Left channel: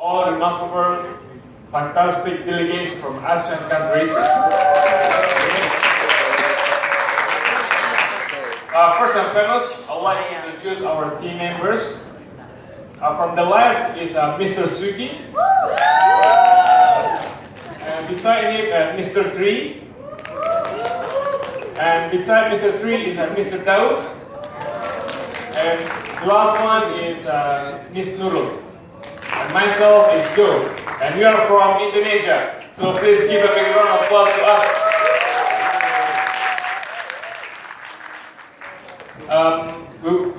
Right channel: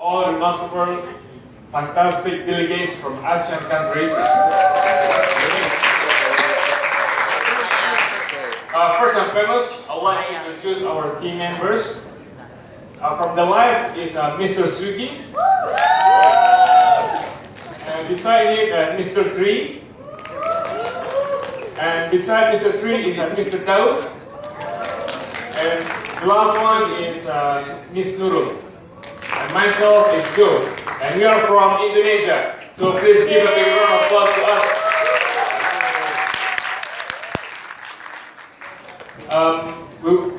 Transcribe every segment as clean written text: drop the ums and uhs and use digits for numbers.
all remarkable, fantastic delegates from ASEAN countries. First and foremost, I'd like to introduce our team members. From the left is Mr. Sugi. And beside him, Mr. Tri. And beside Mr. Tri is Mr. Daus. And the last one is Miss Nurul. And myself is Joe. And we are from Indonesia. So please give a big round of applause to us.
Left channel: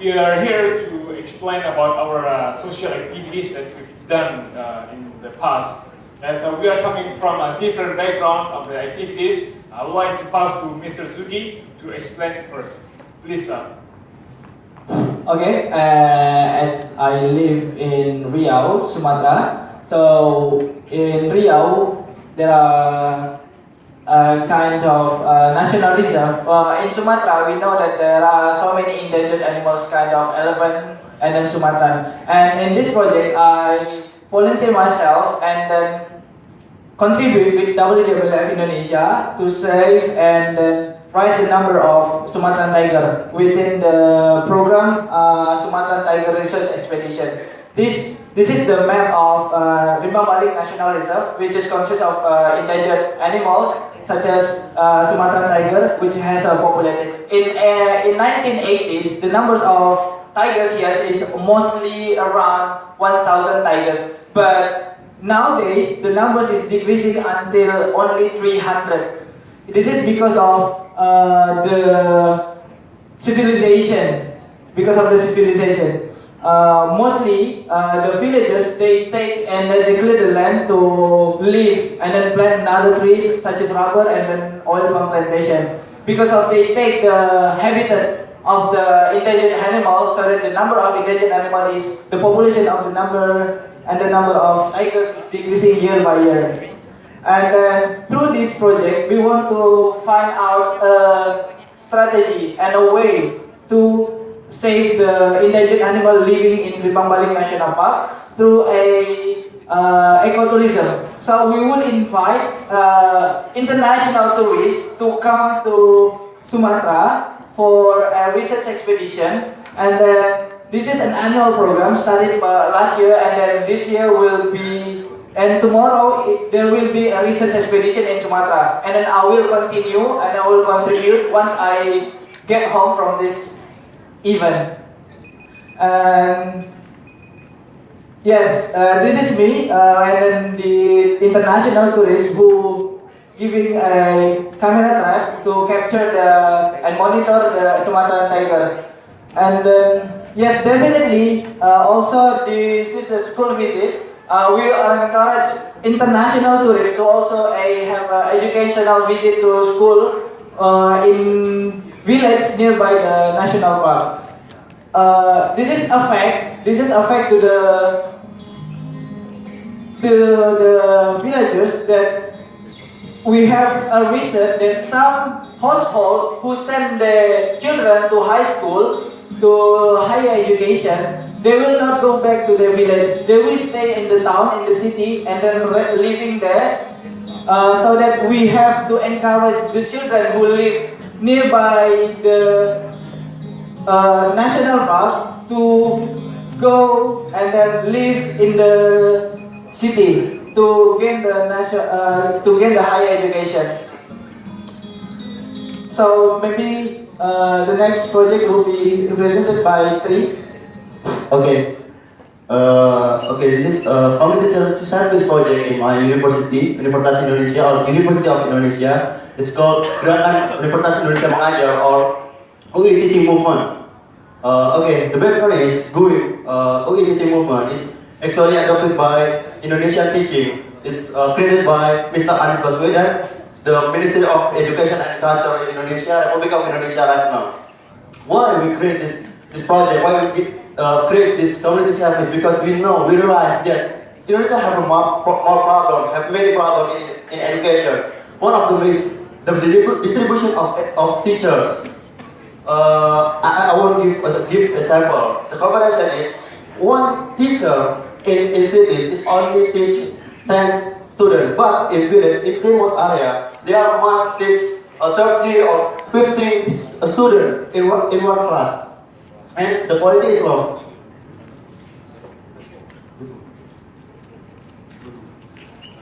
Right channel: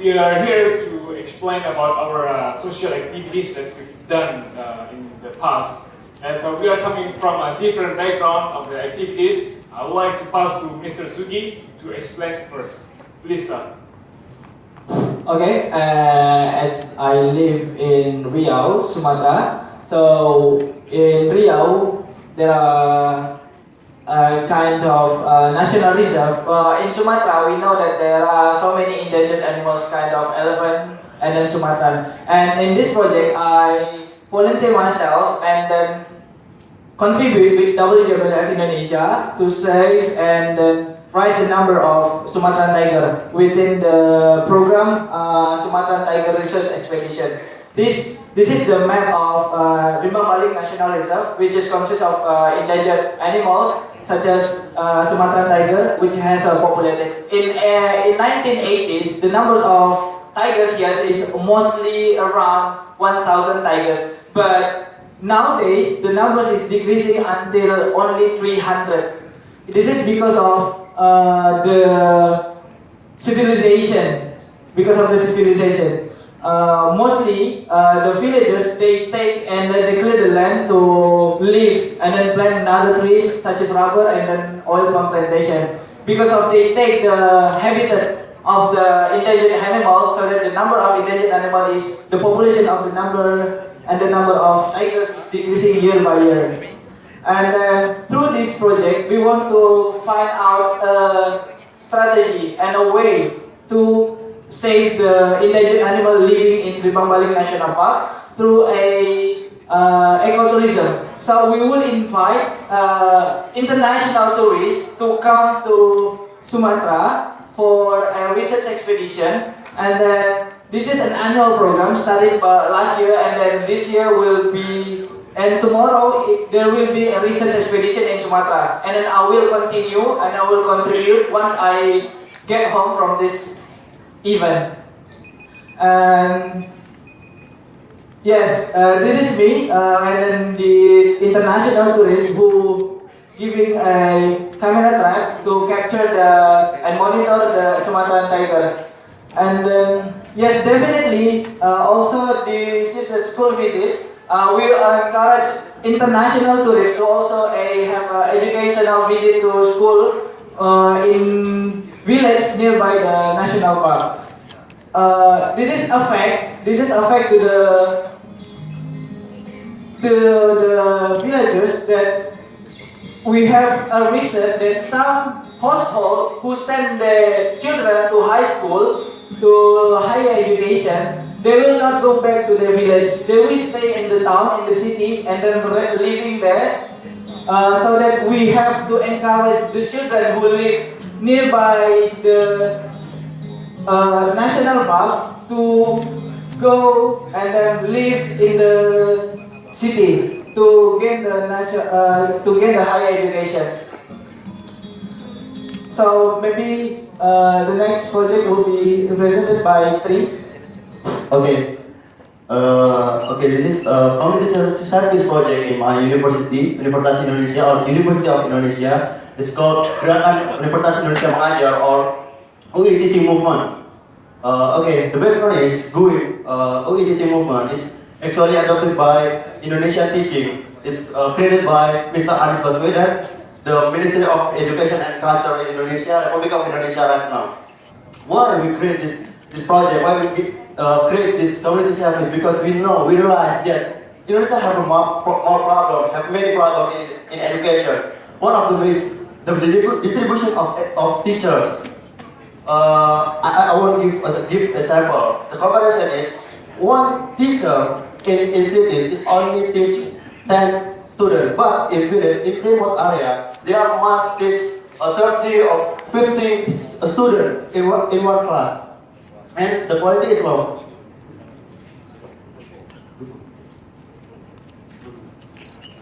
We are here to explain about our social activities that we've done in the past. As we are coming from a different background of the activities, I would like to pass to Mr. Sugi to explain first. Please, sir. Okay, as I live in Riau, Sumatra, so in Riau there are a kind of national reserve. In Sumatra, we know that there are so many endangered animals, kind of elephant and then Sumatran. And in this project, I volunteer myself and then contribute with WWF Indonesia to save and then raise the number of Sumatran tiger within the program Sumatran Tiger Research Expedition. This is the map of Rimbang Balik National Reserve, which is consists of endangered animals such as Sumatran tiger, which has populated. In 1980s, the numbers of tigers here is mostly around 1,000 tigers, but nowadays the numbers is decreasing until only 300. This is because of the civilization. Because of the civilization. Mostly the villagers, they take and they clear the land to live and then plant other trees such as rubber and then oil palm plantation. Because of they take the habitat of the endangered animal, so that the number of endangered animal is the population of the number and the number of tigers is decreasing year by year. And through this project, we want to find out a strategy and a way to save the endangered animal living in Rimbang Balik National Park through a ecotourism. So we will invite international tourists to come to Sumatra for a research expedition, and then this is an annual program started last year, and then this year will be, and tomorrow there will be a research expedition in Sumatra, and then I will continue and I will contribute once I get home from this event. And yes, this is me and then the international tourists who giving a camera trap to capture and monitor the Sumatran tiger. And then yes, definitely also this is a school visit. We encourage international tourists to also have an educational visit to school in village nearby the national park. This is a fact to the villagers that we have a research that some household who send their children to high school to higher education, they will not go back to their village. They will stay in the town, in the city, and then living there. So that we have to encourage the children who live nearby the national park to go and then live in the city to gain the higher education. So maybe the next project will be presented by Tri. Okay. This is community service project in my university, Universitas Indonesia or University of Indonesia. It's called Gerakan Universitas Indonesia Mengajar or UI Teaching Movement. The background is GUI. UI Teaching Movement is actually adopted by Indonesia Teaching. It's created by Mr. Anies Baswedan, the Ministry of Education and Culture in Indonesia, Republic of Indonesia right now. Why we create this project? Why we create this community service? Because we realize that Indonesia have many problems in education. One of them is the distribution of teachers. I want to give a sample. The comparison is one teacher in cities is only teach 10 students, but in village, in remote area, there must teach 30 or 50 students in one class, and the quality is low.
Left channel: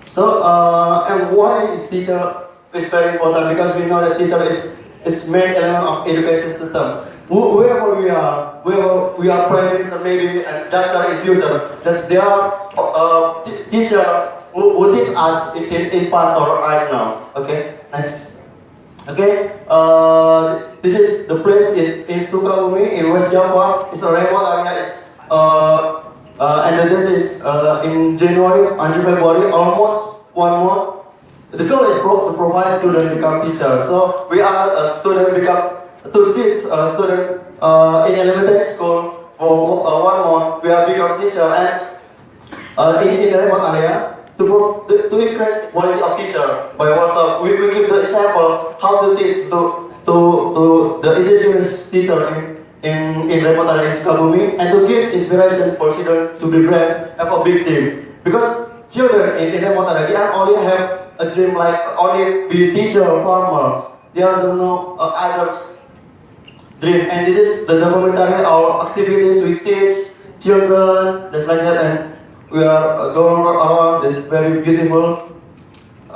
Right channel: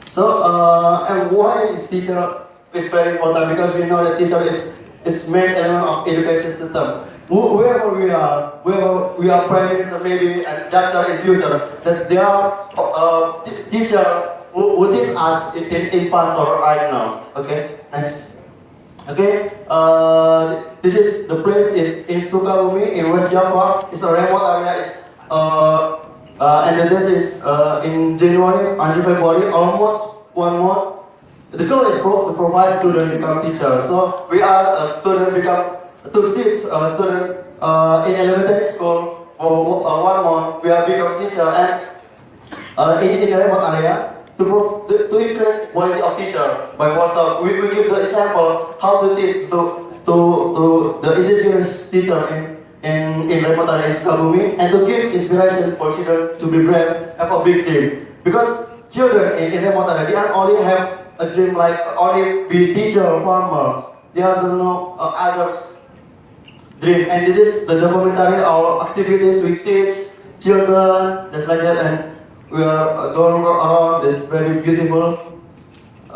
So, and why is teacher is very important? Because we know that teacher is main element of education system. Whoever we are prime minister maybe and doctor in future, that there are teacher who teach us in past or right now. Okay, next. Okay, this is the place is in Sukabumi in West Java. It's a remote area. It's and the date is in January until February, almost 1 month. The goal is to provide student become teacher. So we are a student become to teach a student in elementary school for 1 month. We are become teacher and in the remote area to increase quality of teacher by also we give the example how to teach to the indigenous teacher in remote areas Kabumi and to give inspiration for children to be brave, have a big dream. Because children in remote area, they only have a dream like only be teacher or farmer. They don't know other dream. And this is the documentary or activities we teach children, just like that. And we are going around. This very beautiful.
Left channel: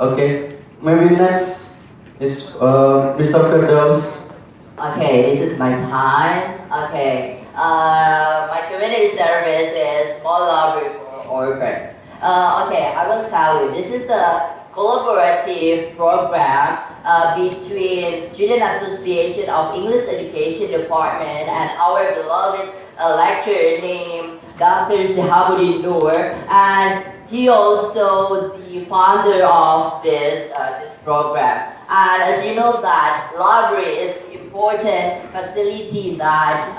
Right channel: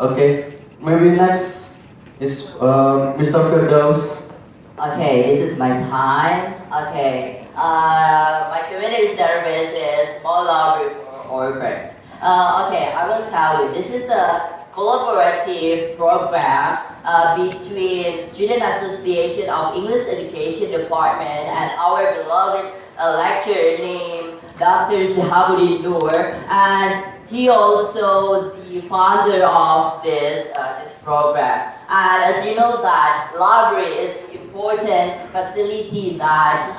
Okay, maybe next is Mr. Firdaus. Okay, this is my time. Okay, my community service is small library for orphans. Okay, I will tell you, this is a collaborative program between Student Association of English Education Department and our beloved lecturer named Dr. Sehabuddin Noor, and he also the founder of this program. And as you know that library is important facility that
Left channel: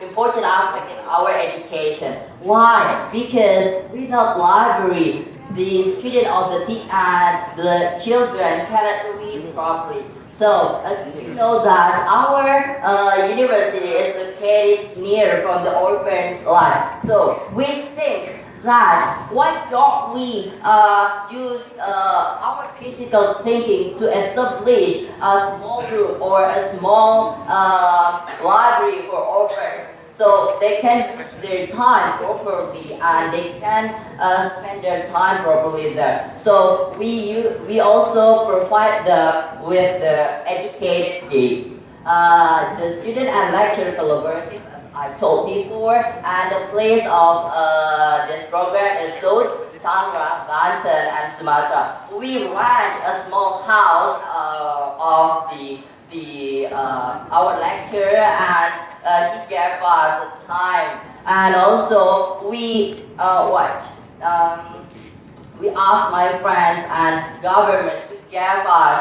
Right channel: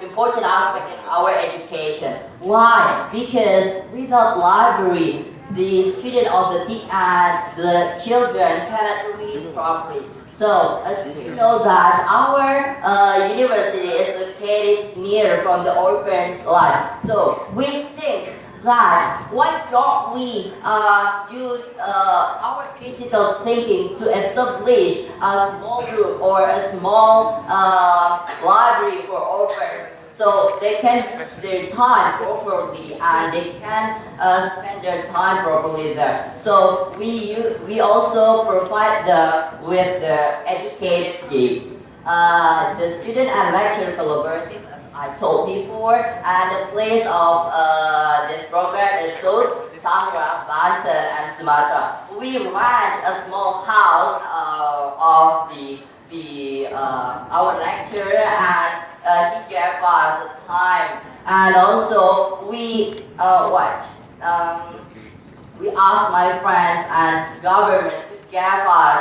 important aspect in our education. Why? Because without library, the student of the children cannot read properly. So, as you know that our university is located near from the orphan's life. So, we think that why don't we use our critical thinking to establish a small group or a small library for orphans so they can use their time properly and they can spend their time properly there. So we also provide them with the educated gigs. The student and lecturer collaborative, as I told before, and the place of this program is Sud, Tangerang, Banten, and Sumatra. We rent a small house of our lecturer, and he gave us time. And also we we asked my friends and government to give us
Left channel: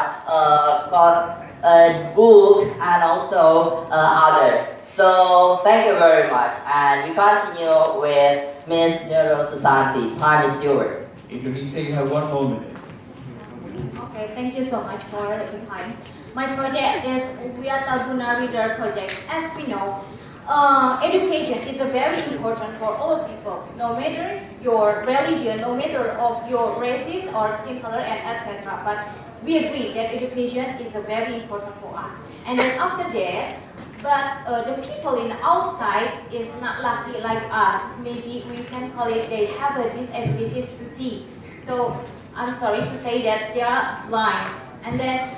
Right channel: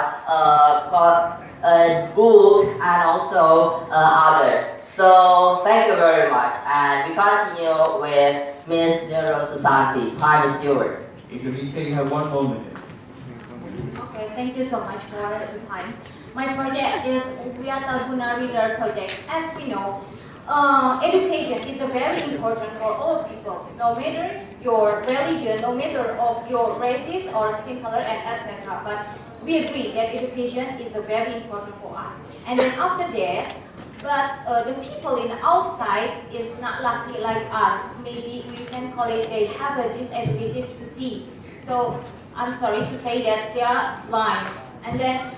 a book and also others. So thank you very much, and we continue with Ms. Nurul Susanti. Time is yours. Indonesia, you have 1 more minute. Okay, thank you so much for the time. My project is Wiataguna Reader Project. As we know, education is very important for all people, no matter your religion, no matter of your races or skin color, and etc. But we agree that education is very important for us. And then after that, the people in the outside is not lucky like us. Maybe we can call it they have disabilities to see. So I'm sorry to say that they are blind. And then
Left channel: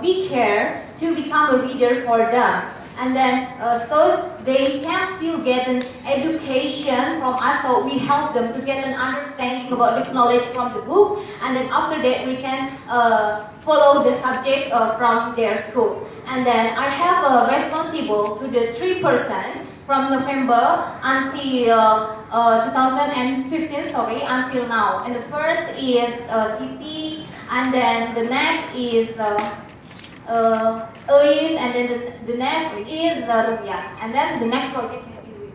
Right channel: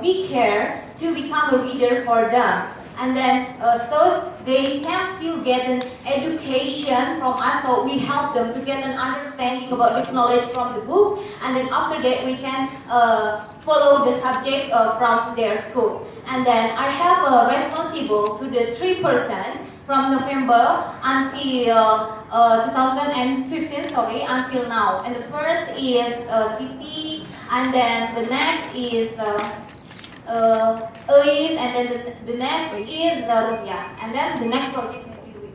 we care to become a reader for them. And then so they can still get an education from us, so we help them to get an understanding about the knowledge from the book, and then after that we can follow the subject from their school. And then I have responsible to the 3% from November until 2015, until now. And the first is city, and then the next is and then the next is Rupiah, and then the next project can be with.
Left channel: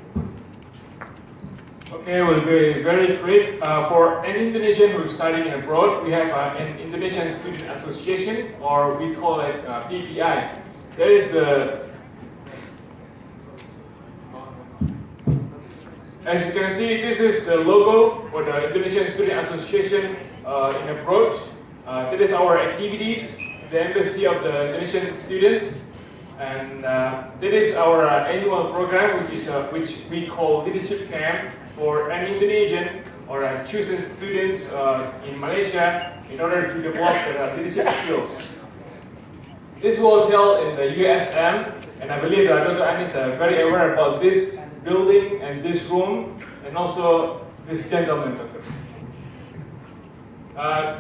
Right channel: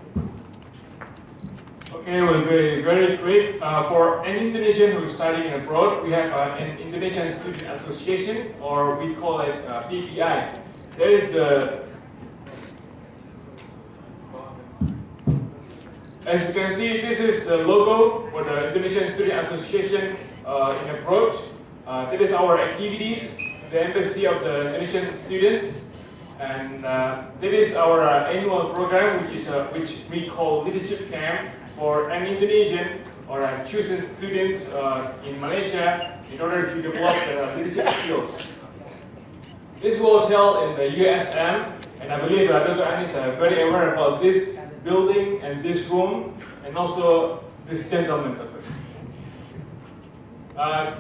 Okay, we'll be very quick. For an Indonesian who is studying abroad, we have an Indonesian Student Association, or we call it PBI. That is the As you can see, this is the logo for the Indonesian Student Association in approach. That is our activities, the embassy of the Indonesian students, and that is our annual program, which we call leadership camp for an Indonesian or chosen students in Malaysia in order to develop their leadership skills. This was held in the USM, and I believe Dr. Amin is very aware about this building and this room, and also this gentleman, Doctor.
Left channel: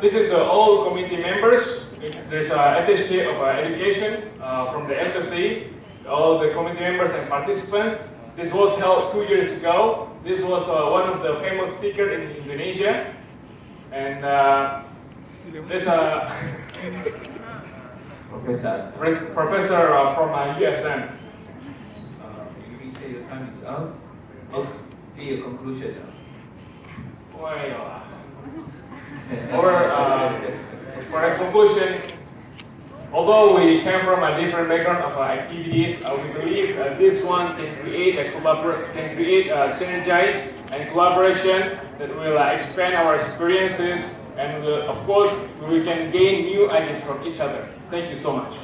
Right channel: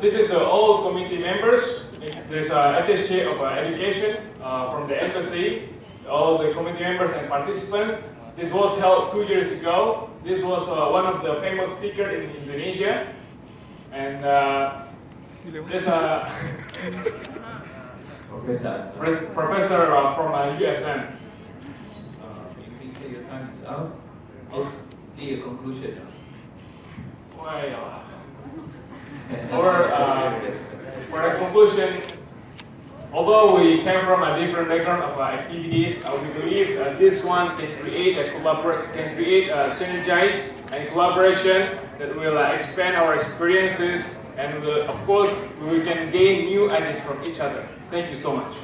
This is the all committee members. There's an attaché of education from the embassy, all the committee members and participants. This was held 2 years ago. This was one of the famous speakers in Indonesia, and there's a professor from USM. You say your time is out. Let's see a conclusion now. Well, for a conclusion, although we came from a different background of activities, we believe this one can create synergize and collaboration that will expand our experiences, and of course we can gain new ideas from each other. Thank you so much.